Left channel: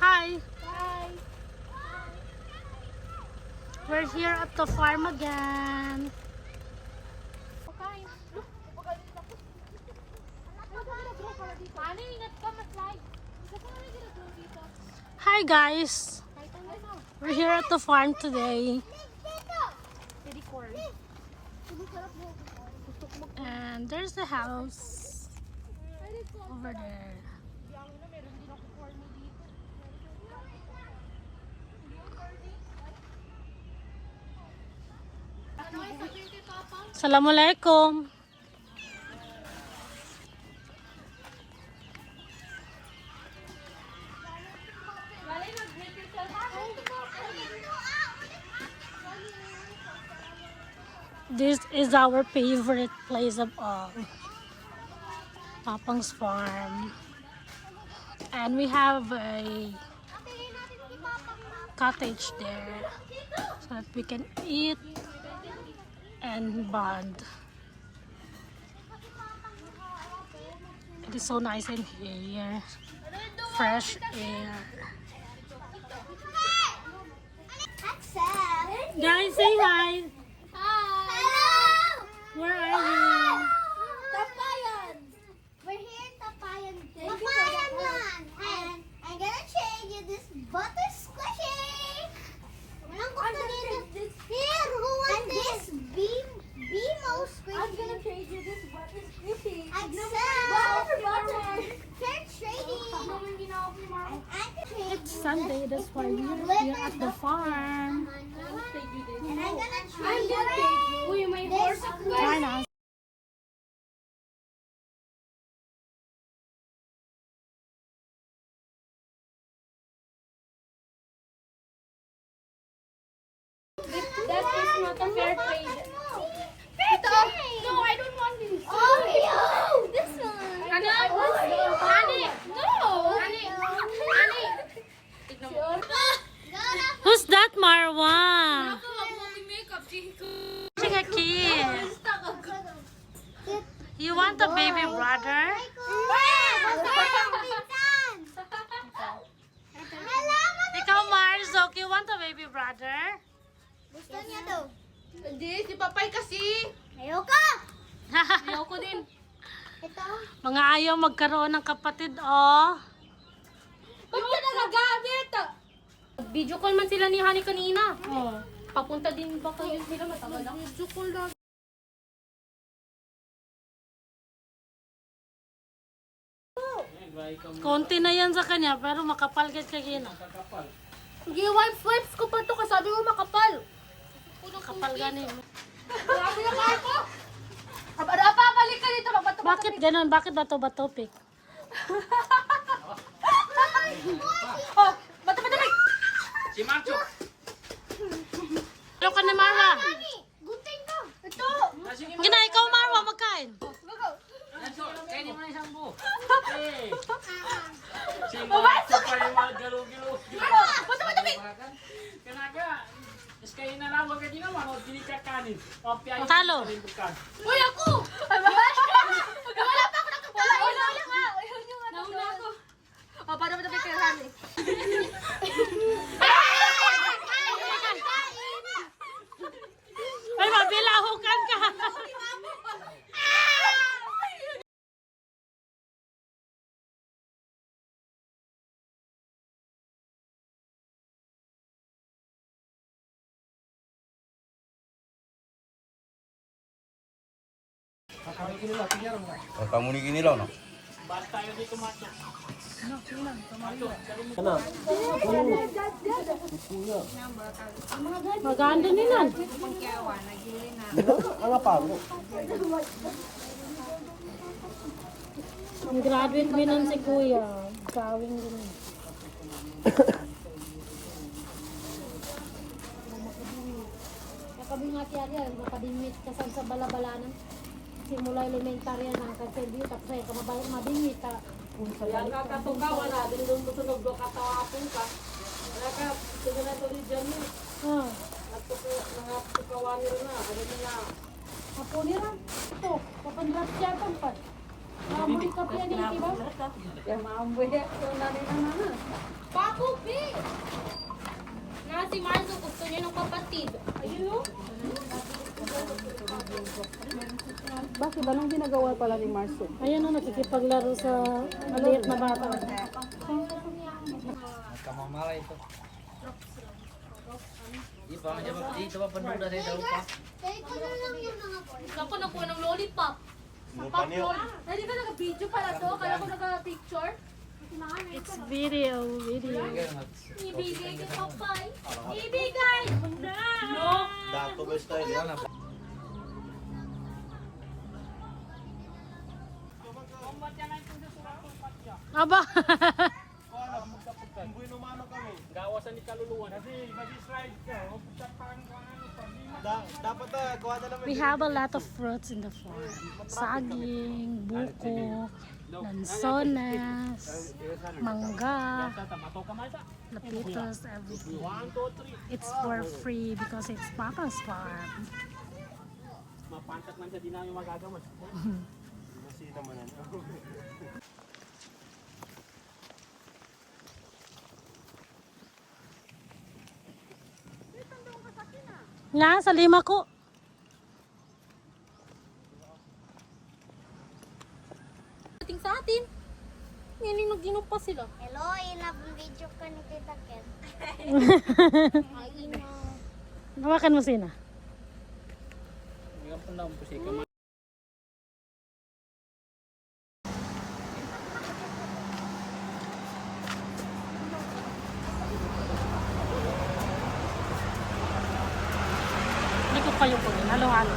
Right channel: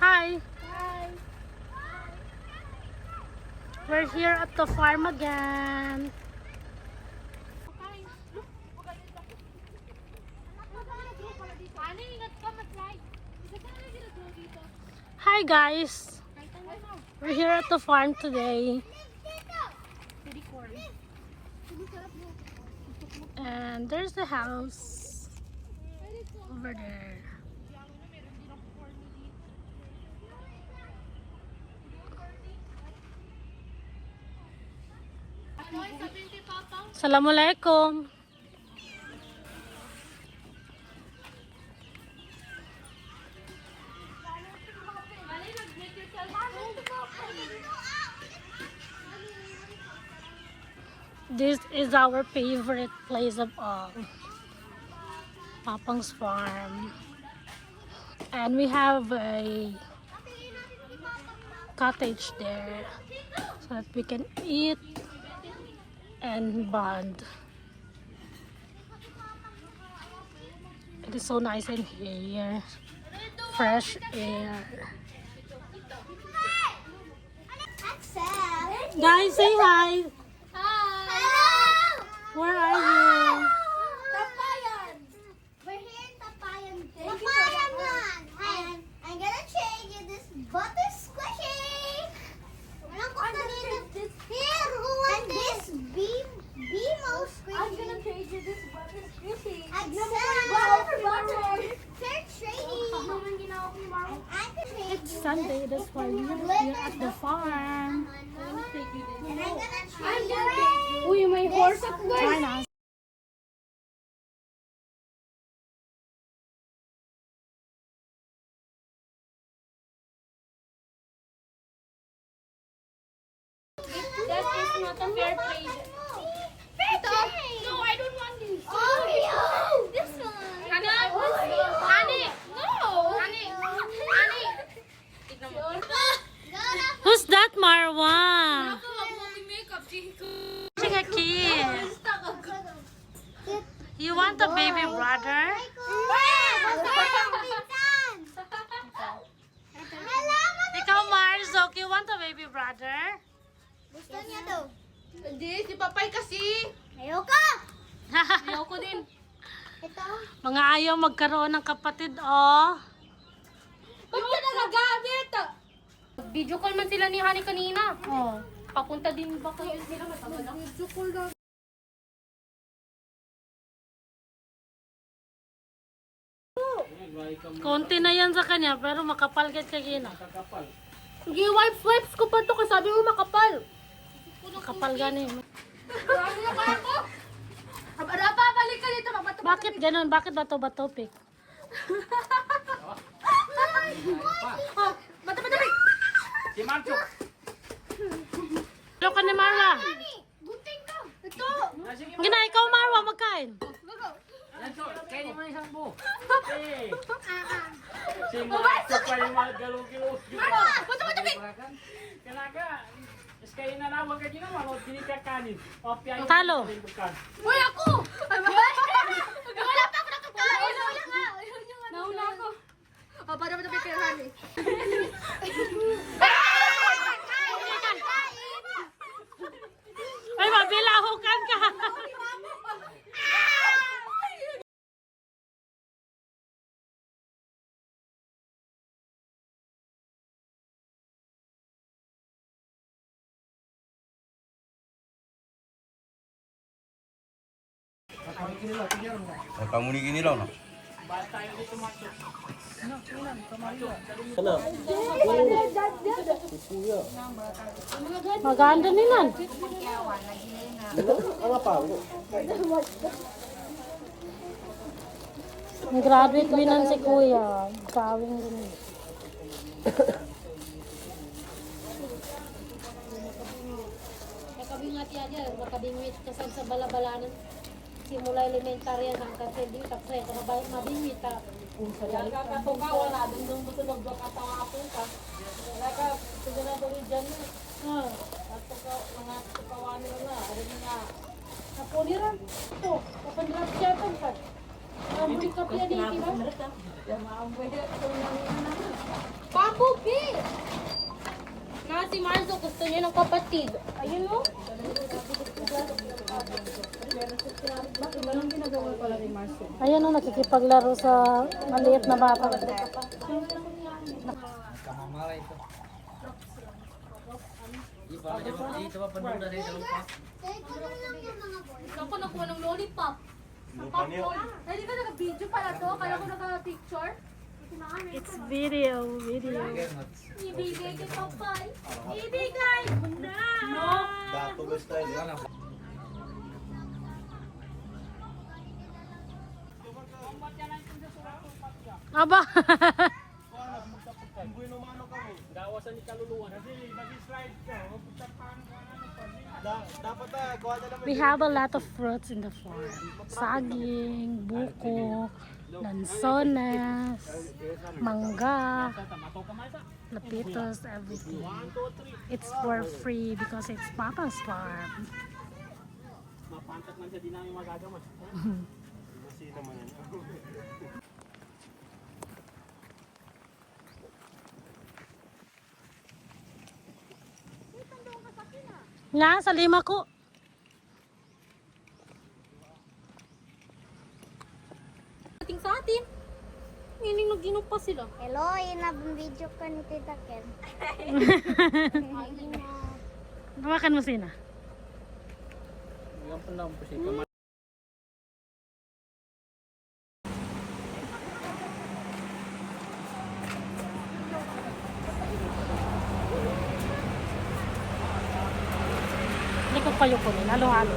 Hi! Hi! We're here at the farm again. Hi guys! We're here at the farm today. And there's the house over there. Assalamualaikum. This is our favorite place of all, Papang's farm. And we have a cottage there so that we can eat and bond. It is so nice in here. Fresh air. Guys, say hi. Where are you? Tapayan. We're here in Tapayan. Tapayan. And I'm gonna trade you this butter squishy. Here, who wants this BMO squishy? I'm gonna trade you this butter squishy. Fair trading. It's Sunday, that's why we're here at the farm. And I'm gonna trade you. Uy, may horse ako. Join us. That is not a fair trade. No, I don't want this. Oh, yo, this one. Honey, honey, no. Honey, honey. Tignan mo. Who's that, Marwa? Ako, makeup, Chico. Watching a kid. You want a baby brother? Ikaw, Marzok, you want a baby brother? Gusto niya to. Hindi, si Papay kasi. Ayoko. Ayoko din. Ito. Mga ayaw magkaroon ng kapatid, oh. Ba't ka nagagamit? Video call man sila ni Honey kanina. Oh. Papunta din ba kayo sila matagal lang? Video call lang. Konti na yan sa kanya, pero makapal ka kagina. Sige, wipes ko pa to kasi sabi mo makapal. Makapal gani. Ano na ba ako? Balik ka dito. Bakit ganun? Bakit bato-bato, Pik? Oh, bato. Si Marcho. Hello ka ni Marwa. Gunting ko. Ito. Gina, ikaw Marwa, magkain. Kaya di mo na isang buo. Hey. Si Marcho pa yung mga galo-gilo. Bato. Kanaga. Is kayo na lang, wag ka din naman. Wag binigay kanin. Talo. Uy, ako! Wala pa ako nakapala. Nauna ako. Oh, para matapit kay Honey. Ay, mabilahukan ka. Kamu ni gini lah, no? Maganda nila. Graduate binan si Kuya. Gawing din. Kakabingat yan, kakabingit kasan sa balabalanan. Simula elementarya ng kasi di tapos ay mabingit ka. Unsa gali ka to ka wala din dun tunog do ka tawapin ka. Wala ka siguro na tuloy dyan. At to ka mga tukawan na ano ka na. Apo ni ra. To, papandrat siya tampat. Maamboy ka piya dito ba? Ya maamboy ito namin na. Babu, B! Nga si Marzo, gusto niya ng kapatid. Ayun mo. Bakit ba nang ginagawa pala ni Marso? Ayan o, nakikipaglaro sa maliit na bata. Kamamara ito. Dito pa panuda sa ito pa. Ito na lang yung mga boys. Ako nakuha ng lollipop. Popcorn. Ay, di ba naka-video pala to? Kala ko naka-picture. It's video. Ibigay kay Papay. Ibigay! No! Dato ba style yan? Aba! Gawasan ni kaluluwa. Kasi mag-slide ka. Dapat kuha na naman. We have a lot of fruits in the farm. Saging, buko, lansones, mangga, lapitos, everything. It's for free because it's Papa's farm. Mapantak man siya, di namin magagawa. Masi naman yan. Nga, sa lima ko. Ating sa atin. Meaning nag-inom pa sila. Hello, inab-video ka ni Tita Ken. Hawakan mo sina. Ang pandang po siya. Hindi ko kayo kunin. Halo-halo.